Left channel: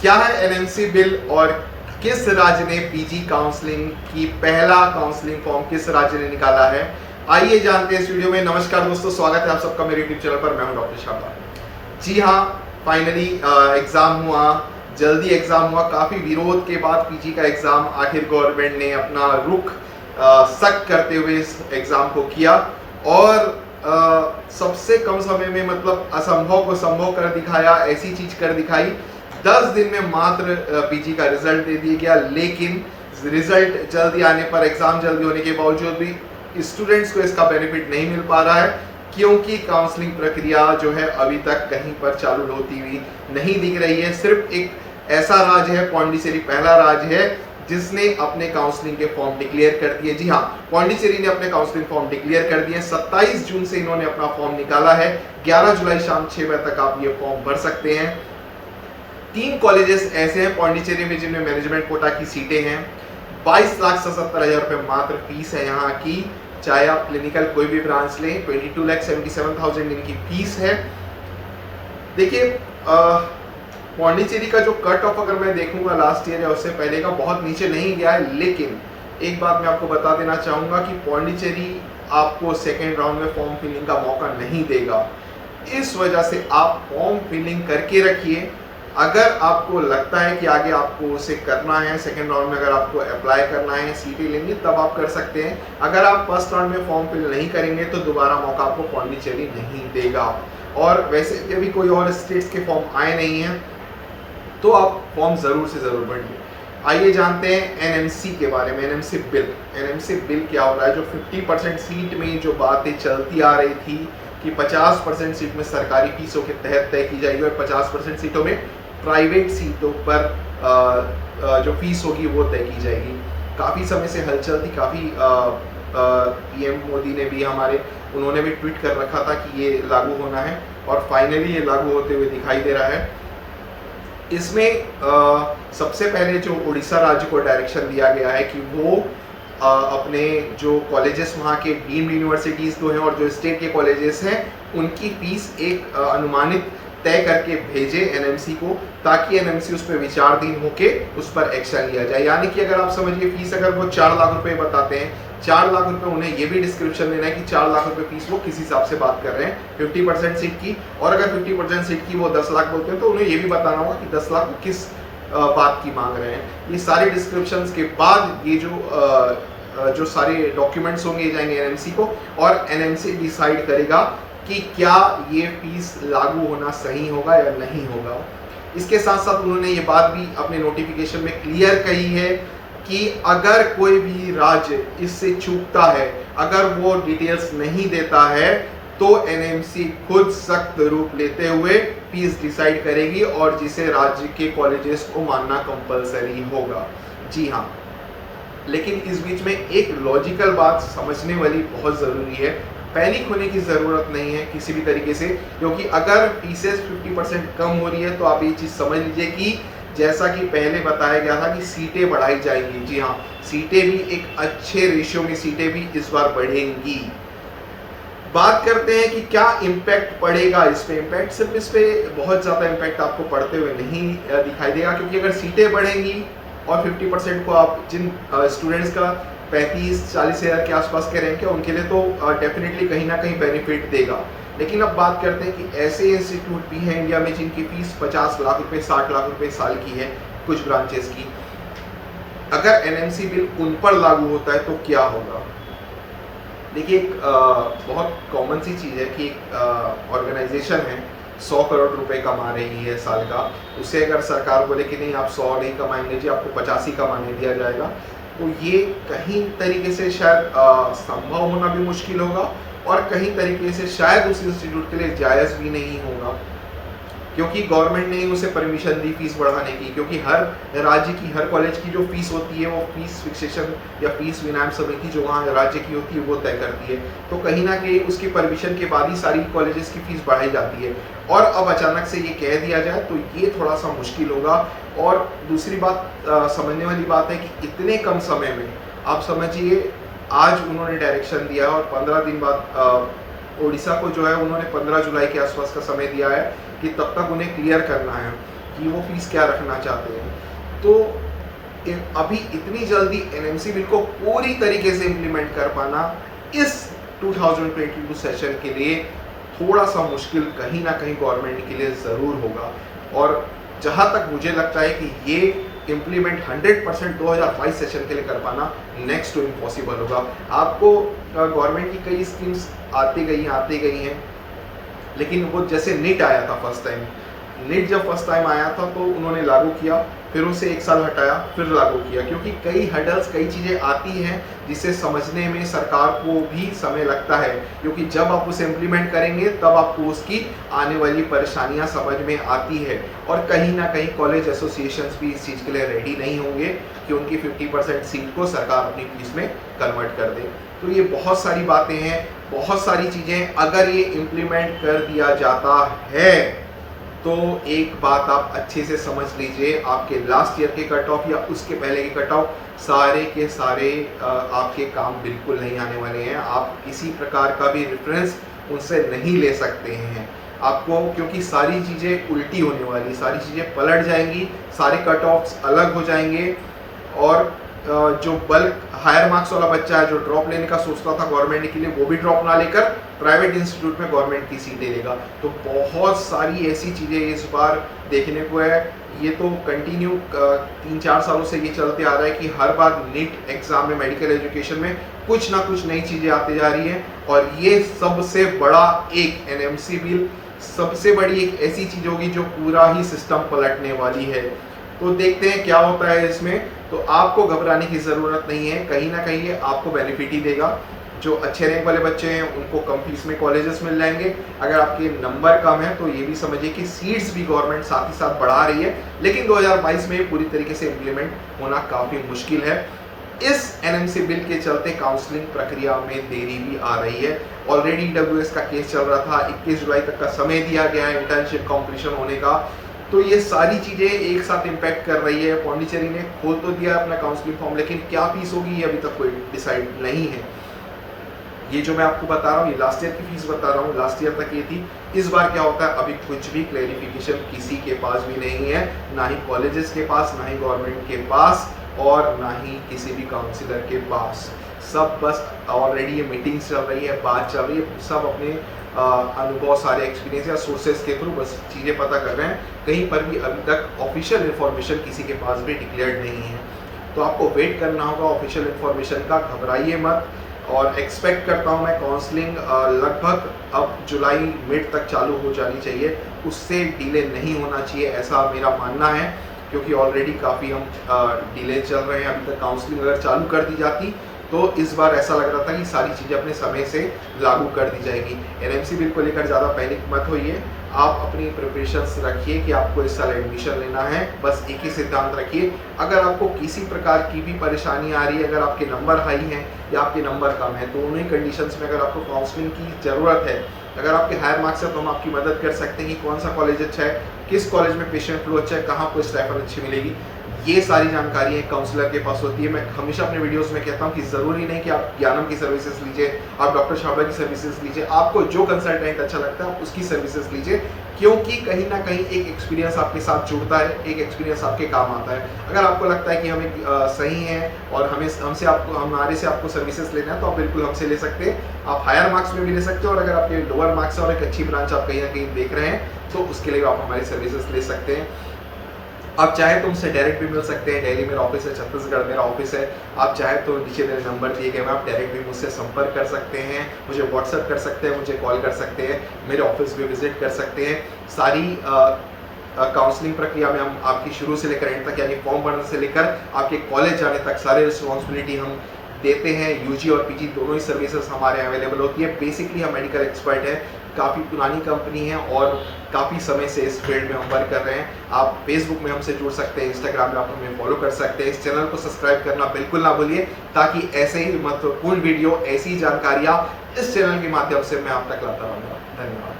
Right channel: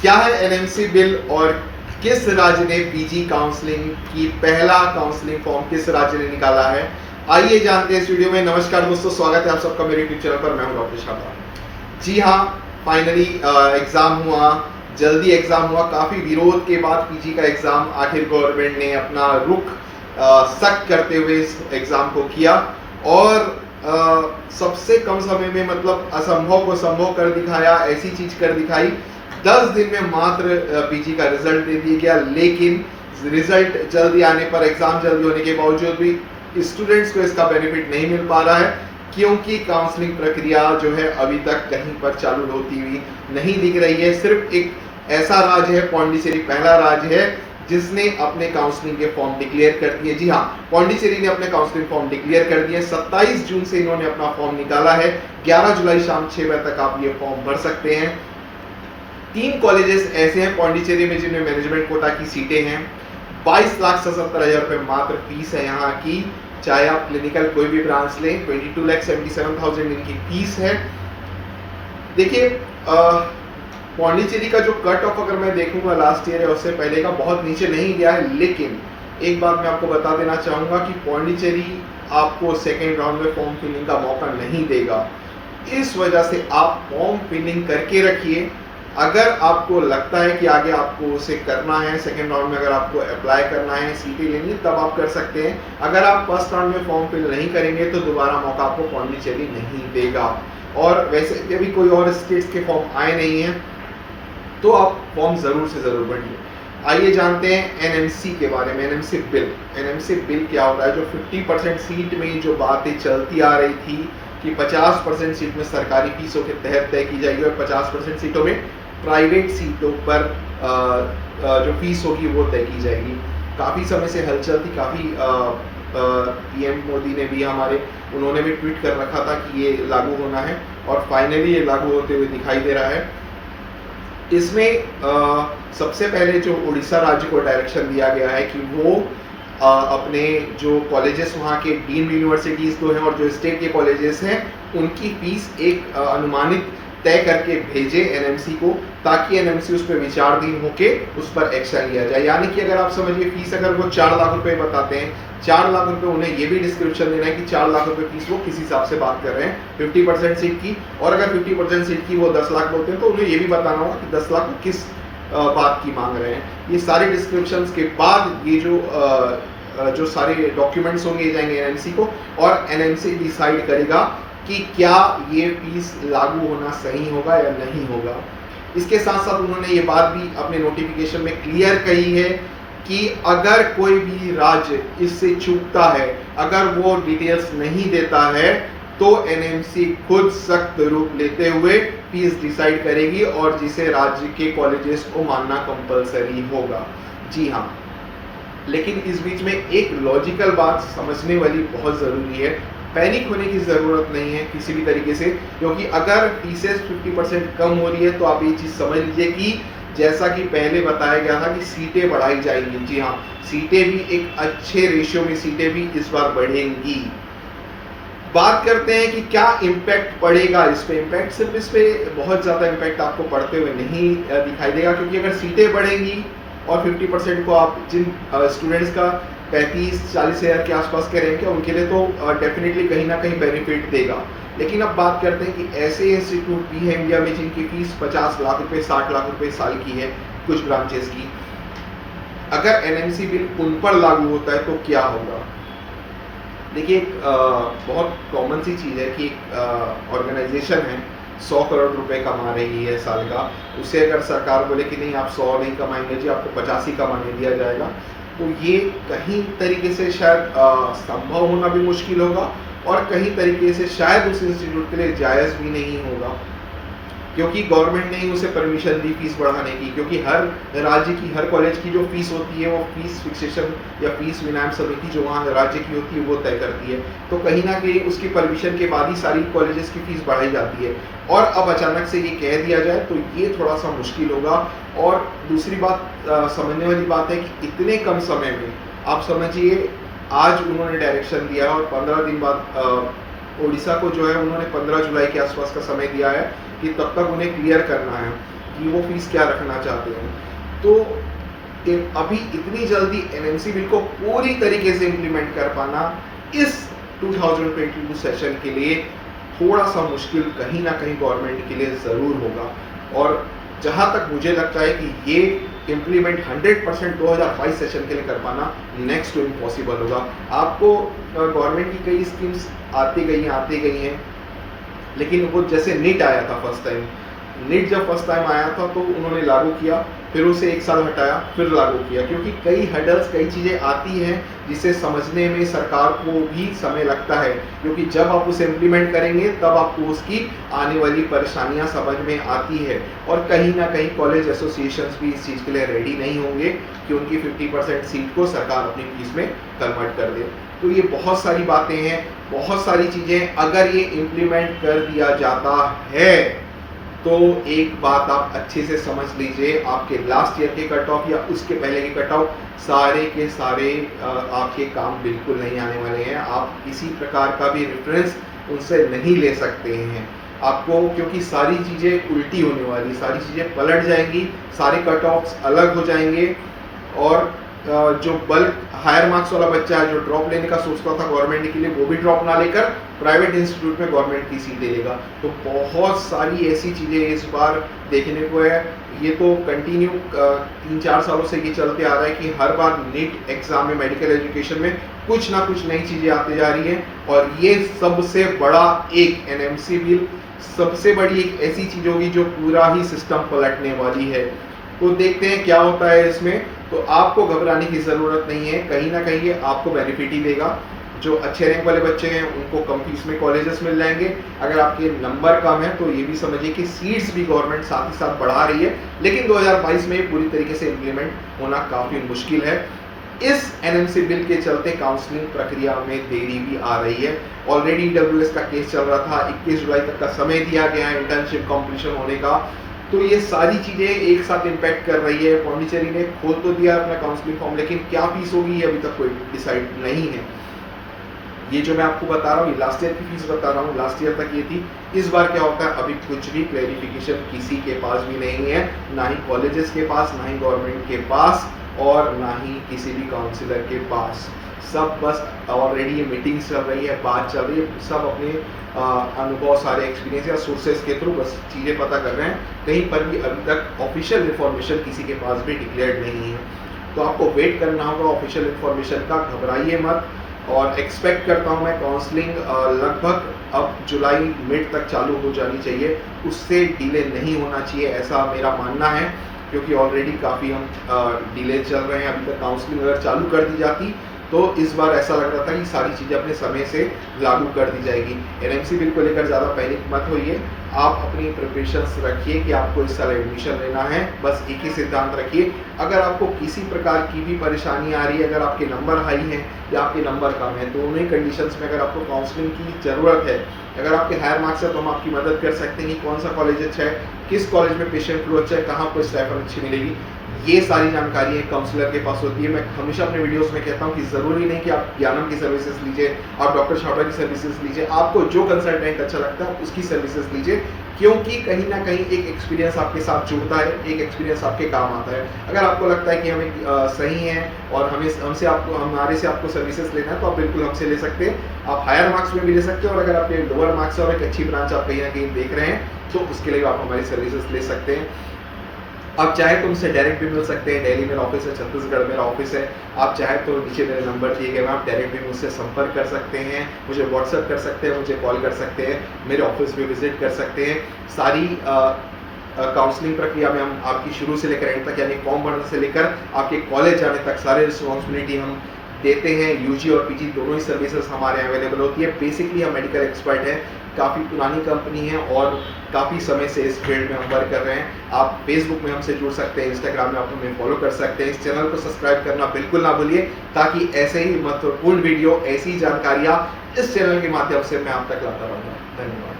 क्या है NMC bill और किस राज्य ने पीजी काउंसलिंग की पहला काउंसलिंग फॉर्म किस राज्य ने निकाला है, आइए जानते हैं इस वीडियो में। नमस्कार दोस्तों, स्वागत है आप सबका मेरे यूट्यूब चैनल पर। मैं हूं डॉक्टर शर्मा। जी हाँ, फाइनली एग्जाम हुआ, जल्दी एग्जाम हुआ। काफी विरोध के बाद पीजी का एग्जाम आखिर गवर्नमेंट ने अपना रुख सख्त करते हुए इस एग्जाम को किया और सबसे कम समय में मतलब असंभव को संभव कर दिखाया, ऐसी चीज कर दिखाई। 10 दिन में मात्र पीजी का रिजल्ट दे दिया गया, लेकिन रिजल्ट जल्दी आने पर, एग्जाम जल्दी होने के बावजूद भी स्टूडेंट्स को इसका बेनिफिट नहीं मिल पा रहा है, क्योंकि काउंसलिंग प्रक्रिया जो है अभी तक कहीं पर चालू होती हुई नहीं दिख रही है। सिर्फ एक ऐसा राज्य है, पौंडीचेरी पहला राज्य है जिसने अपने काउंसलिंग के फॉर्म डिक्लेयर कर दिए। जी हाँ, पौंडीचेरी ने अपने काउंसलिंग फॉर्म डिक्लेयर कर दिए। 27 जून से इन्होंने अपना फॉर्म निकाला है। 11 जुलाई शाम 6 बजे तक आप ये फॉर्म भर सकते हैं। 3 कॉलेजेस ऐसे हैं पौंडीचेरी में जिनमें मैनेजमेंट कोटा की सीटें हैं। 22,77,000 रुपए मात्र फीस है यहाँ की, चाहे आप क्लिनिकल कोई भी ब्रांच लें। 22,77,000 इनकी फीस है। देखिए, पौंडीचेरी का जो कट ऑफ अगर मैं देखूंगा लास्ट ईयर या उससे पहले का, बहुत नीचे नहीं गया है। लेकिन एक बात मैं आपको बता देना चाहूंगा कि पौंडीचेरी आपको सेकेंड राउंड में फॉर्म फिलिंग का मौका नहीं देगा। इस वजह से आप फॉर्म फिलिंग करके रखिए। अगर आपको लगता है कि आगे आपको उसे करना है, सेकेंड राउंड में अगर आपको अप्लाई करना है, सीटें लेनी है, तब आप कर सकते हैं। अगर आप फर्स्ट राउंड में फॉर्म फिल नहीं करेंगे तो दोबारा मौका आपको पौंडीचेरी नहीं देगा। और वैसे भी कोई और स्टेट्स के फॉर्म आए नहीं हैं, तो आप फॉर्म जरूर से जरूर भरिए। आइए जानते हैं एनएमसी के बारे में। एनएमसी बिल, एनएमसी बिल क्या हो रहा है? जो 50% सीट में जो बातें चलती आ रही थी कि 50% सीट में सरकारी फीसों के तहत तय की जाएगी और 50% सीटों में प्राइवेट सीटों पर जो फीस होगी वो तय की जाएगी। काफ़ी समय से हलचल थी, काफ़ी पीएम मोदी ने भी उन्होंने भी ट्वीट कर रखा था कि ये लागू होना है और फाइनली ये लागू होते हुए दिखाई दे रहा है। इसमें सबसे पहले जो उड़ीसा राज्य को डायरेक्शन दिया गया है कि वो अपने जो कॉलेजेस वहाँ के डीम्ड यूनिवर्सिटीज़ तो हैं और जो स्टेट के कॉलेजेस हैं उनकी फीस एक अनुमानित तय करके भेजे एनएमसी को, ताकि एनएमसी उस पर विचाराधीन होके उस पर एक्शन लिया जाए। यानी कि अगर आप समझिए फीस अगर वो 4 लाख रुपए बताते हैं, 4 लाख रुपए उन्हें ये भी डिस्क्रिप्शन देना है कि 4 लाख रुपए फीस वो किस हिसाब से बात कर रहे हैं 50% सीट की। और अगर 50% सीट की वो 10 लाख बोलते हैं तो उन्हें ये भी बताना होगा कि 10 लाख किस बात की मांग रहे हैं। ये सारे डिस्क्रिप्शंस के बाद ये जो सारे डॉक्यूमेंट्स होंगे ये जाएंगे एनएमसी को और एनएमसी डिसाइड करेगा कि क्या ये फीस लागू होना सही होगा या नहीं होगा। इसके साथ साथ उन्होंने ये बात भी अपने नोटिफिकेशन में क्लियर कही है कि अगर कोई भी राज्य इससे चूकता है, अगर वो डिटेल्स नहीं देता है, तो एनएमसी खुद सख्त रूप लेते हुए फीस डिसाइड करेगी और जिसे राज्य के कॉलेजेस को मानना कंपलसरी होगा। जी हाँ, लेकिन इस बीच में एक लॉजिकल बात समझने वाली बहुत ज़रूरी है। पैनिक होने की ज़रूरत नहीं है किसी भी तरीके से, क्योंकि अगर फीसेस 50% कम हो रही है तो आप ये चीज़ समझ लीजिए कि जैसा कि पहले बताया गया था कि सीटें बढ़ाई जाएंगी। जी हाँ, सीटें भी एक अच्छे रेशियो में सीटें भी इस बार बढ़ेंगी। बात करते हैं कि क्या इम्पैक्ट पड़ेगा इस पे। इम्पैक्ट सिर्फ इस पे बहुत ज़्यादा इम्पैक्ट आपको पड़ते हुए नहीं दिखाई देगा, क्योंकि अगर सीटें बढ़ेंगी और 50% को आप जिन स्टूडेंट्स का 35-40 हज़ार के आसपास के रैंक है उनके लिए तो डेफिनेटली कहीं ना कहीं बेनिफिट देगा। लेकिन अब बात करते हैं कि ऐसे इंस्टीट्यूट भी हैं इंडिया में जिनकी फीस 50 लाख रुपए 60 लाख रुपए साल की है, कुछ ब्रांचेस की। अगर एनएमसी बिल उन पर लागू होता है तो क्या होगा? देखिए, बहुत कॉमन सी चीज़ है कि एक ऑर्गेनाइजेशन है 100 करोड़ रुपए कमा रही है साल का, उसे अगर सरकार बोले कि नहीं आप 100 नहीं कमाएंगे जी, आपको 50 ही कमाने दिया जाएगा, तो ये कहीं तरीके से शायद संभव होना भी मुश्किल होगा और कहीं तरीके से शायद उस इंस्टीट्यूट के लिए जायज़ भी नहीं होगा, क्योंकि गवर्नमेंट ने ही उसे परमिशन दी फीस बढ़ाने की। क्योंकि हर राज्य की, हर कॉलेज की जो फीस होती है वो फीस फिक्सेशन या फीस विनिमय समिति जो वहाँ राज्य की होती है वो तय करती है। तो कहीं ना कहीं उसकी परमिशन के बाद ही सारी कॉलेजेस की फीस बढ़ाई जाती है और अब अचानक से ये कह दिया जाए तो ये थोड़ा सा मुश्किल होगा। और दूसरी बात समझने वाली बात है कि इतने कम समय में आप समझिए, आज उन्होंने डायरेक्शन दिया और 15 दिन बाद उड़ीसा को जो है उन्होंने 15 जुलाई के आसपास का समय दिया है कि तब तक उन्हें क्लियर करना है कि वो फीस क्या रखना चाहते हैं। तो अभी इतनी जल्दी एनएमसी बिल को पूरी तरीके से इम्प्लीमेंट कर पाना इस 2022 सेशन के लिए थोड़ा सा मुश्किल कहीं ना कहीं गवर्नमेंट के लिए ज़रूर होगा। और जहाँ तक मुझे लगता है कि ये इम्प्लीमेंट 100% 2022 सेशन के लिए कर पाना नेक्स्ट टू इम्पॉसिबल होगा। आपको गवर्नमेंट की कई स्कीम्स आती गई हैं, लेकिन वो जैसे नीट आया था फर्स्ट टाइम, नीट जब फर्स्ट टाइम आया था तो उन्होंने लागू किया, फिर उसे 1 साल हटाया, फिर लागू किया, क्योंकि कई हर्डल्स, कई चीज़ें आती हैं जिसे समझने में सरकार को भी समय लगता है, क्योंकि जब आप उसे इम्प्लीमेंट करेंगे तब आपको उसकी आने वाली परेशानियां समझ में आती है। और कहीं ना कहीं कॉलेज एसोसिएशंस भी इस चीज़ के लिए रेडी नहीं होंगे कि उनकी 50% सीट को सरकार अपनी फीस में कन्वर्ट कर दे। तो ये बहुत सारी बातें हैं, बहुत सारी चीज़ें अगर ये इम्प्लीमेंट कर दिया जाता है तो एक बात आप अच्छे से समझ लीजिए, आपके लास्ट ईयर के कट ऑफ या उसके पहले के कट ऑफ सारे के सारे आपके काम बिल्कुल नहीं आने वाले हैं। आप किसी प्रकार का भी रेफरेंस उनसे नहीं ले सकते हैं आपको, क्योंकि सारी चीज़ें उल्टी होने वाली, सारी चीज़ें पलट जाएंगी, सारे कट ऑफ्स अलग हो जाएंगे। और जो बल्क हायर मार्क्स वाला बच्चा है जो ड्रॉप लेने का सोचता था गवर्नमेंट के लिए, वो भी ड्रॉप ना लेकर प्राइवेट इंस्टीट्यूट में गवर्नमेंट की सीट ले लेगा। तो बहुत सारी ऐसी चीज़ें इस बार देखने को है। ये तो कंटिन्यू 3-4 सालों से ये चलते आ रहा है कि हर बार नीट एग्जाम में, मेडिकल एजुकेशन में कुछ ना कुछ नई चीज़ें आती जा रही हैं। और ये सबसे बड़ा एक एनएमसी बिल, सबसे बड़ी एक ऐसी चीज़ होगी जो पूरा ही सिस्टम पलटने वाली है। तो देखते हैं क्या होता है इसमें। तो आपको घबराने की ज़रूरत नहीं है, कहीं ना कहीं ये आपको बेनिफिट ही देगा। जो अच्छे रैंक वाले बच्चे हैं उनको कम फीस में कॉलेजेस मिल जाएंगे। अगर आपके नंबर कम है तो ये भी समझिए कि सीट्स भी गवर्नमेंट साथ ही साथ बढ़ा रही है, लेकिन 2022 में पूरी तरीके से इम्प्लीमेंट होना काफ़ी मुश्किल है। इस एनएमसी बिल के चलते काउंसलिंग प्रक्रिया में देरी भी आ रही है। ऑलरेडी ईडब्ल्यूएस का केस चल रहा था, 21 जुलाई तक का समय दिया गया है इंटर्नशिप कॉम्प्लीशन होने का। तो ये सारी चीज़ें एक साथ इम्पैक्ट कर रही है। पौंडीचेरी ने खोल तो दिया अपना काउंसलिंग फॉर्म, लेकिन क्या फीस होगी ये अभी तक कोई डिसाइड नहीं है। ये जो मैं आपको बता रहा हूँ, ये लास्ट ईयर की फीस बता रहा हूँ, लास्ट ईयर तक ये थी। इस बार क्या होता है अभी कुछ भी क्लैरिफिकेशन किसी के पास भी नहीं है, ना ही कॉलेजेस के पास, ना ही गवर्नमेंट के पास, और ना ही किसी भी काउंसिलर के पास। सब बस ऑलरेडी ये मीटिंग्स चल रही है, बात चल रही है, सब अपने अनुभव, सारे एक्सपीरियंस या सोर्सेज के थ्रू बस चीज़ें पता कर रहे हैं। कहीं पर भी अभी तक ऑफिशियल इन्फॉर्मेशन किसी के पास भी डिक्लेयर्ड नहीं है। तो आपको वेट करना होगा ऑफिशियल इन्फॉर्मेशन का, घबराइए मत। और एक्सपेक्ट करता हूँ मैं काउंसलिंग लगभग अब जुलाई मिड तक चालू हो जानी चाहिए, उससे डिले नहीं होना चाहिए, ऐसा मेरा मानना है। क्योंकि ऑलरेडी काफ़ी हम डिले चल रहे हैं। अभी तक काउंसलिंग अगर चालू कर दी जाती तो इस बार ऐसा लग रहा था कि सारी चीज़ें अपने समय से लागू कर दी जाएगी। एनएमसी बिल को लेकर ज़्यादा पैनिक मत होइए, आप अपनी प्रिपरेशंस रखिए कि आपको इस साल एडमिशन लेना है। बस एक ही सिद्धांत रखिए, अगर आपको किसी प्रकार की भी परेशानी आ रही है, अगर आपके नंबर हाई हैं या आपके नंबर कम है, तो उन्हीं कंडीशंस में अगर आपको काउंसलिंग की ज़रूरत है, अगर आपके हायर मार्क्स है तो हम आपकी मदद कर सकते हैं कि कौन सा कॉलेज अच्छा है, किस कॉलेज में पेशेंट फ्लो अच्छा है, कहाँ पर स्टाइपेंड अच्छी मिलेगी। ये सारी जानकारी एक काउंसलर के पास होती है। मैं हमेशा अपने वीडियोस में कहता हूँ कि ज़रूरी नहीं कि आप ज्ञानम की सर्विसेज लीजिए, आप डॉक्टर छाबड़ा की सर्विसेज लीजिए, आपको जो कंसल्टेंट अच्छा लगता है आप उसकी सर्विसेज लीजिए, क्योंकि कहीं ना कहीं एक एक्सपीरियंस आपके साथ जुड़ता है, एक एक्सपीरियंस आपके काम आता है। अगर आपको लगता है कि हमें सही है और हमारे से आपको सर्विसेज लेना है तो आप बिल्कुल हमसे ले सकते हैं। आप हायर मार्क्स में भी ले सकते हो, और अगर आपके लोअर मार्क्स और एक अच्छी ब्रांच आप कहीं ना कहीं देख रहे हैं तो उसके लिए आप हमारी सर्विसेज ले सकते हैं। आप चाहें तो मुझसे डायरेक्ट भी मिल सकते हैं, दिल्ली मेरा ऑफिस है, छत्तीसगढ़ मेरा ऑफिस है। आप चाहें तो नीचे मेरे नंबर दिए गए हैं, आप डायरेक्ट भी मुझसे संपर्क कर सकते हैं, मुझे व्हाट्सएप कर सकते हैं, मुझे कॉल कर सकते हैं, मेरे ऑफिस भी विजिट कर सकते हैं। सारी काउंसलिंग प्रक्रिया में हम आपकी शुरू से लेकर एंड तक, यानी फॉर्म भरने से लेकर आपके कॉलेज जाने तक सारे रिस्पॉन्सिबिलिटी हम देते हैं। यूजी और पीजी दोनों ही सर्विसेज हमारे यहाँ अवेलेबल होती है। बेसिकली हम मेडिकल एक्सपर्ट हैं, काफ़ी पुरानी कंपनी है और काफ़ी समय से इस फील्ड में हम वर्क कर रहे हैं। आप फेसबुक में हमसे जुड़ सकते हैं, इंस्टाग्राम में आप हमें फॉलो कर सकते हैं। इस चैनल को सब्सक्राइब करना बिल्कुल ना भूलिए, ताकि ऐसे ही महत्वपूर्ण वीडियो, ऐसी जानकारियाँ इस चैनल के माध्यम से मैं आप तक लाता रहूँगा। धन्यवाद।